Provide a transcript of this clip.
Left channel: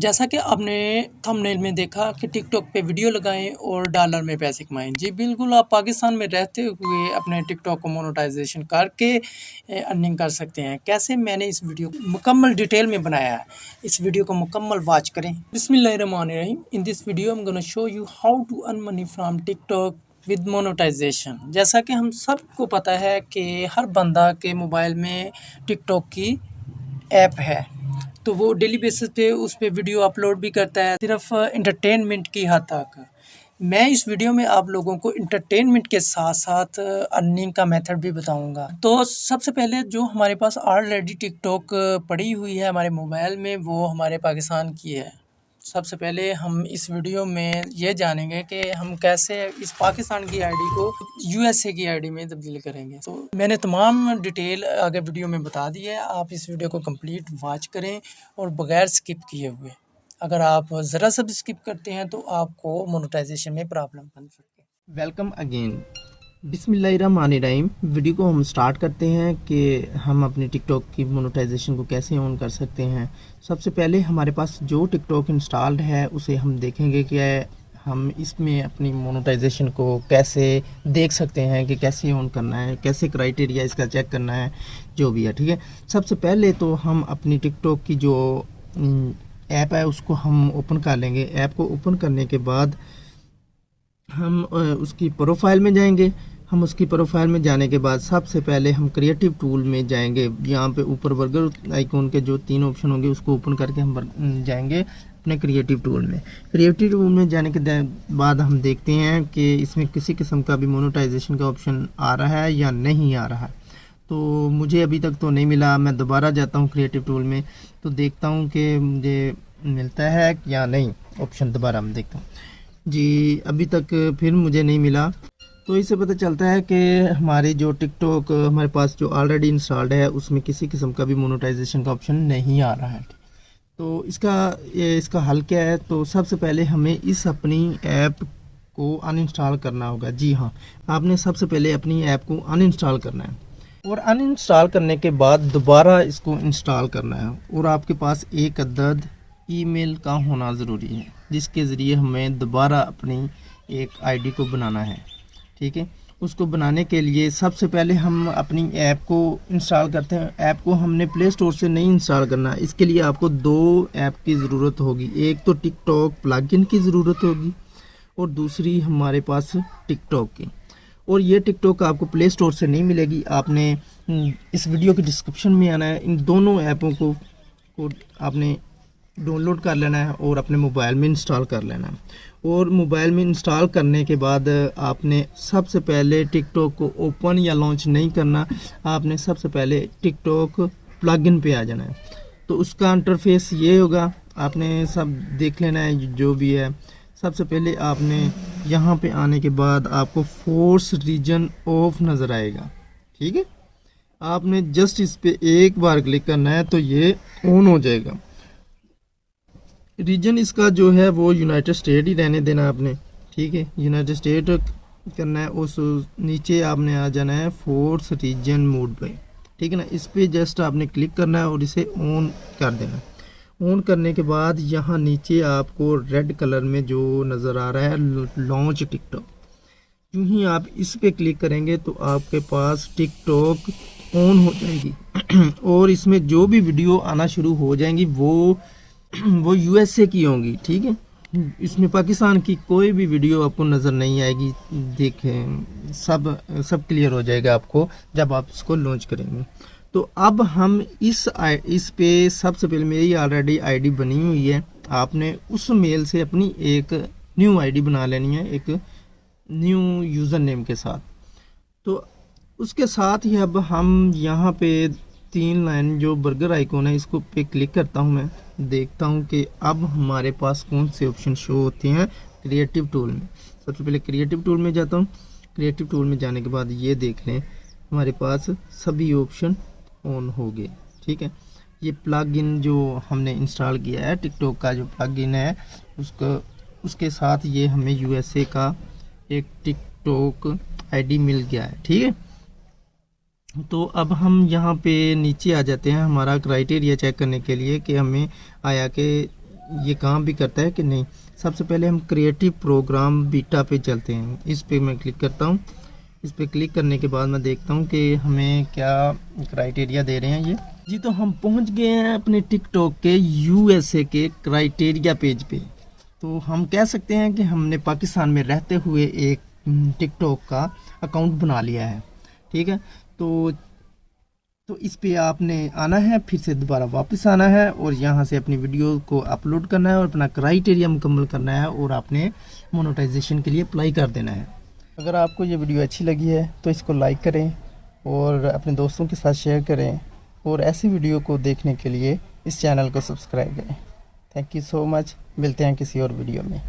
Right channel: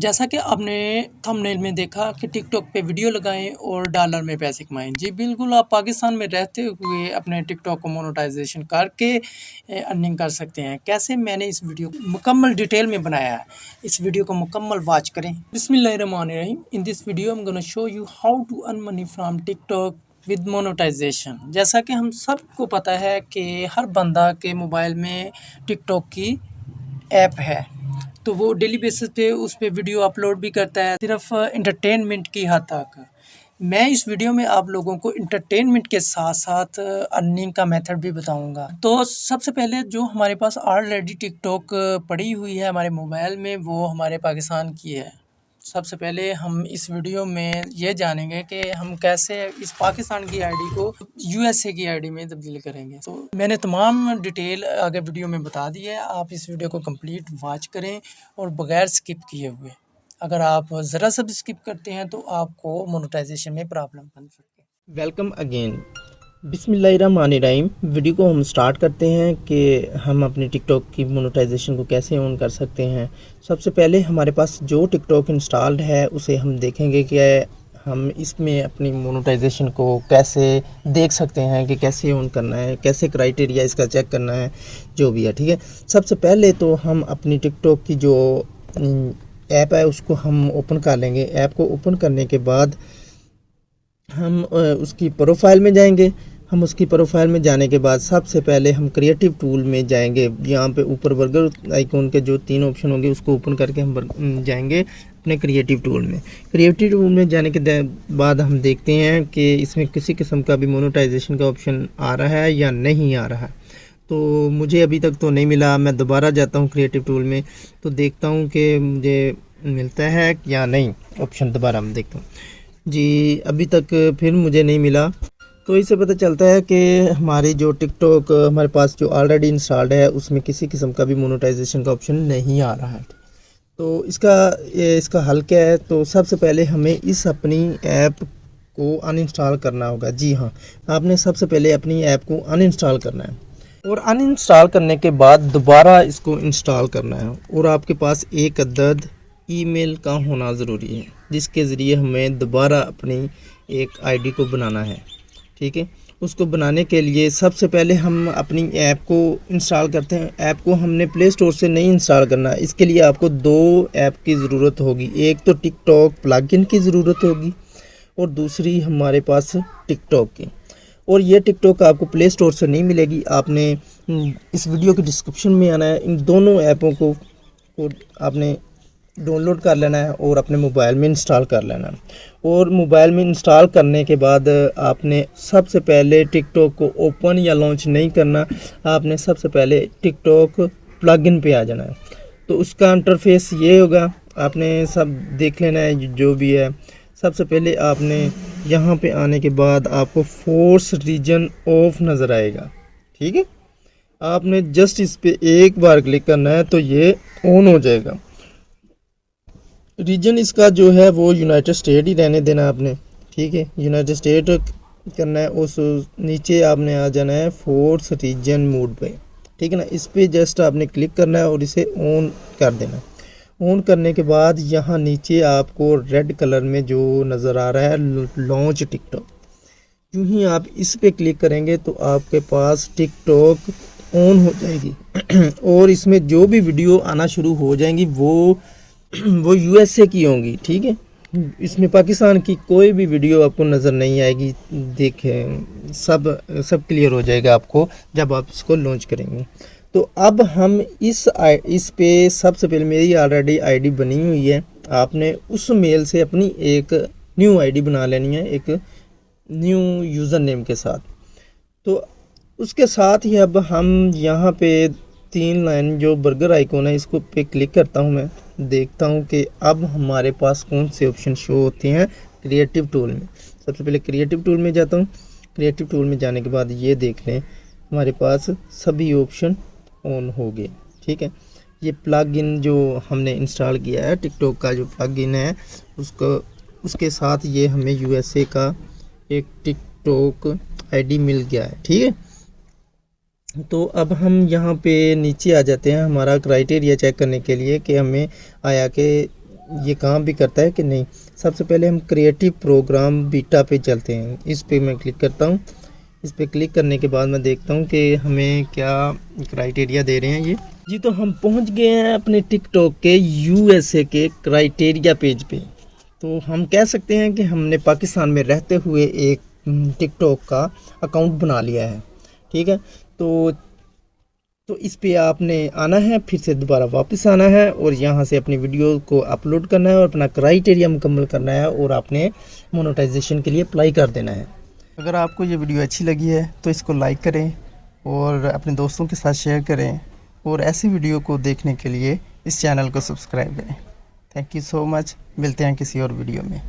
जैसा कि आपने थंबनेल में देखा कि टिकटॉक पे वीडियो लगाएं और डॉलर में पैसे कमाएं। जी बिल्कुल, आप पाकिस्तान में रहते हुए अपने टिकटॉक को मोनेटाइजेशन करके अर्निंग कर सकते हैं। कैसे, मैंने इस वीडियो को मुकम्मल डिटेल में बनाया है। इस वीडियो को मुकम्मल वॉच करें। बिस्मिल्लाहिर्रहमानिर्रहीम। In this video I am gonna show you how to earn money from TikTok with monetization. जैसा कि हम सबको पता है कि हर बंदा के मोबाइल में टिकटॉक की ऐप है, तो वो डेली बेसिस पे उस पे वीडियो अपलोड भी करता है, सिर्फ इंटरटेनमेंट की हद तक। मैं इस वीडियो में आप लोगों को इंटरटेनमेंट के साथ साथ अर्निंग का मेथड भी बताऊंगा। तो सबसे पहले जो हमारे पास ऑलरेडी टिकटॉक पड़ी हुई है हमारे मोबाइल में, वो हमारे पाकिस्तान की है। सबसे पहले हम इस वीडियो में ये जानेंगे कि हम कैसे इस पाकिस्तान की आईडी को यूएसए की आईडी में तब्दील करेंगे। तो मैंने तमाम डिटेल आगे वीडियो में बता दी है। आप इस वीडियो को कंप्लीट वॉच करें और बगैर स्किप किए हुए। अगर आप ज़रा सा भी स्किप करते हैं तो आपको मोनेटाइजेशन में प्रॉब्लम बन सकती है। Welcome again. बिस्मिल्लाहिर्रहमानिर्रहीम। वीडियो को हम स्टार्ट करते हैं कि हम अपनी टिकटॉक की मोनेटाइजेशन को कैसे ऑन कर सकते हैं। सबसे पहले हमारे पास जो टिकटॉक इंस्टॉल्ड है उसे हम देखेंगे कि हम इसमें अपनी मोनेटाइजेशन को कैसे देख सकते हैं, कि कैसे ऑन करना है, कैसे क्राइटेरिया इसका चेक करना है, जो भी है। ठीक है, सबसे पहले तो हम अपनी टिकटॉक की जो ऐप है उसको हम ओपन कर लेंगे। ऐप को ओपन करने के बाद हम उसकी प्रोफाइल में जाएंगे। हम उसकी प्रोफाइल में जाने के बाद सबसे पहले हम क्रिएटिव टूल में जाएंगे। यहाँ पे ऊपर बर्गर आइकॉन के जो 3 ऑप्शन होंगे उसको ओपन करके हम जाएंगे अपने क्रिएटिव टूल में। क्रिएटिव टूल में जाने के बाद हम देखते हैं कि इसमें किसी किस्म का भी मोनेटाइजेशन का ऑप्शन आ रहा है या नहीं आ रहा है। तो मुझे अभी तक तो नहीं मिला। मैं दोबारा जाता हूँ क्रिएटिव टूल में, तो देखता हूँ कि मुझे मिलता है या नहीं ऑप्शन। दोबारा मैं देखता हूँ जी, अभी तक फिर मुझे नहीं मिला। तो इससे पता चलता है कि हमारी जो टिकटॉक हमारे पास जो ऑलरेडी इंस्टॉल्ड है उसमें किसी किस्म का भी मोनेटाइजेशन का ऑप्शन नहीं आ रहा है। तो इसका हल क्या है? तो सबसे पहले हमें इस अपनी ऐप को अनइंस्टॉल करना होगा। जी हाँ, आपने सबसे पहले अपनी ऐप को अनइंस्टॉल करना है और अनइंस्टॉल करने के बाद दोबारा इसको इंस्टॉल करना है। और आपके पास एक अदद ईमेल का होना ज़रूरी है, जिसके ज़रिए हमें दोबारा अपनी एक आईडी को बनाना है। ठीक है, उसको बनाने के लिए सबसे पहले हम अपनी ऐप को इंस्टॉल करते हैं। ऐप को हमने प्ले स्टोर से नहीं इंस्टॉल करना। इसके लिए आपको 2 ऐप की ज़रूरत होगी। एक तो टिकटॉक प्लगइन की ज़रूरत होगी और दूसरी हमारे पास टिकटॉक की। और ये टिकटॉक आपको प्ले स्टोर से नहीं मिलेगी। आपने इस वीडियो के डिस्क्रिप्शन में आना है, इन दोनों ऐपों को आपने डाउनलोड कर लेना है और अपने मोबाइल में इंस्टॉल कर लेना है। और मोबाइल में इंस्टॉल करने के बाद आपने सबसे पहले टिकटॉक को ओपन या लॉन्च नहीं करना। आपने सबसे पहले टिकटॉक प्लगइन पे आ जाना है। तो उसका इंटरफेस ये होगा, आपने सब देख लेना है जो भी है। सबसे पहले आपने यहाँ पे आने के बाद आपको फोर्स रीजन ऑफ नज़र आएगा। ठीक है, आपने जस्ट इस पे एक बार क्लिक करना है तो ये ऑन हो जाएगा। रीजन इसका जो है वो यूनाइटेड स्टेट ही रहने देना आपने। ठीक है, यूनाइटेड स्टेट करना है। उस नीचे आपने आ जाना है फोर्स रीजन मोड पे। ठीक है ना, इस पे जस्ट आपने क्लिक करना है और इसे ऑन कर देना। ऑन करने के बाद यहाँ नीचे आपको रेड कलर में जो नज़र आ रहा है लॉन्च टिकटॉक, यूँ ही आप इस पे क्लिक करेंगे तो आपके पास टिकटॉक ऑन हो जाएगी और इसमें जो भी वीडियो आना शुरू हो जाएंगी वो यूएसए की होंगी। ठीक है, इसमें पाकिस्तान की कोई भी वीडियो आपको नज़र नहीं आएगी। देखें, सब क्लियर हो जाएगा आपको जब आप इसको लॉन्च करेंगे। तो अब हम इस पे सबसे पहले मेरी ऑलरेडी आईडी बनी हुई है। आपने उस मेल से अपनी एक न्यू आईडी बना लेनी है, एक न्यू यूज़र नेम के साथ। तो उसके साथ ही अब हम यहाँ पे 3 लाइन जो बर्गर आइकॉन है इसको पे क्लिक करता हूँ। मैं देखता हूँ कि अब हमारे पास कौन से ऑप्शन शो होते हैं क्रिएटिव टूल में। सबसे पहले क्रिएटिव टूल में जाता हूँ। क्रिएटिव टूल में जाने के बाद ये देख लें हमारे पास सभी ऑप्शन ऑन हो गए। ठीक है, ये प्लग इन जो हमने इंस्टॉल किया है टिकटॉक का जो प्लग इन है उसके साथ ये हमें यूएसए का एक टिकटॉक आईडी मिल गया है। ठीक है, तो अब हम यहाँ पे नीचे आ जाते हैं हमारा क्राइटेरिया चेक करने के लिए कि हमें आया कि ये काम भी करता है कि नहीं। सबसे पहले हम क्रिएटिव प्रोग्राम बीटा पे चलते हैं। इस पे मैं क्लिक करता हूँ। इस पे क्लिक करने के बाद मैं देखता हूँ कि हमें क्या क्राइटेरिया दे रहे हैं ये जी। तो हम पहुँच गए हैं अपने टिकटॉक के यूएसए के क्राइटेरिया पेज पे। तो हम कह सकते हैं कि हमने पाकिस्तान में रहते हुए एक टिकटॉक का अकाउंट बना लिया है। ठीक है, तो इस पे आपने आना है, फिर से दोबारा वापस आना है और यहाँ से अपनी वीडियो को अपलोड करना है और अपना क्राइटेरिया मुकम्मल करना है और आपने मोनेटाइजेशन के लिए अप्लाई कर देना है। अगर आपको ये वीडियो अच्छी लगी है तो इसको लाइक करें और अपने दोस्तों के साथ शेयर करें और ऐसी वीडियो को देखने के लिए इस चैनल को सब्सक्राइब करें। Thank you so much. मिलते हैं किसी और वीडियो में।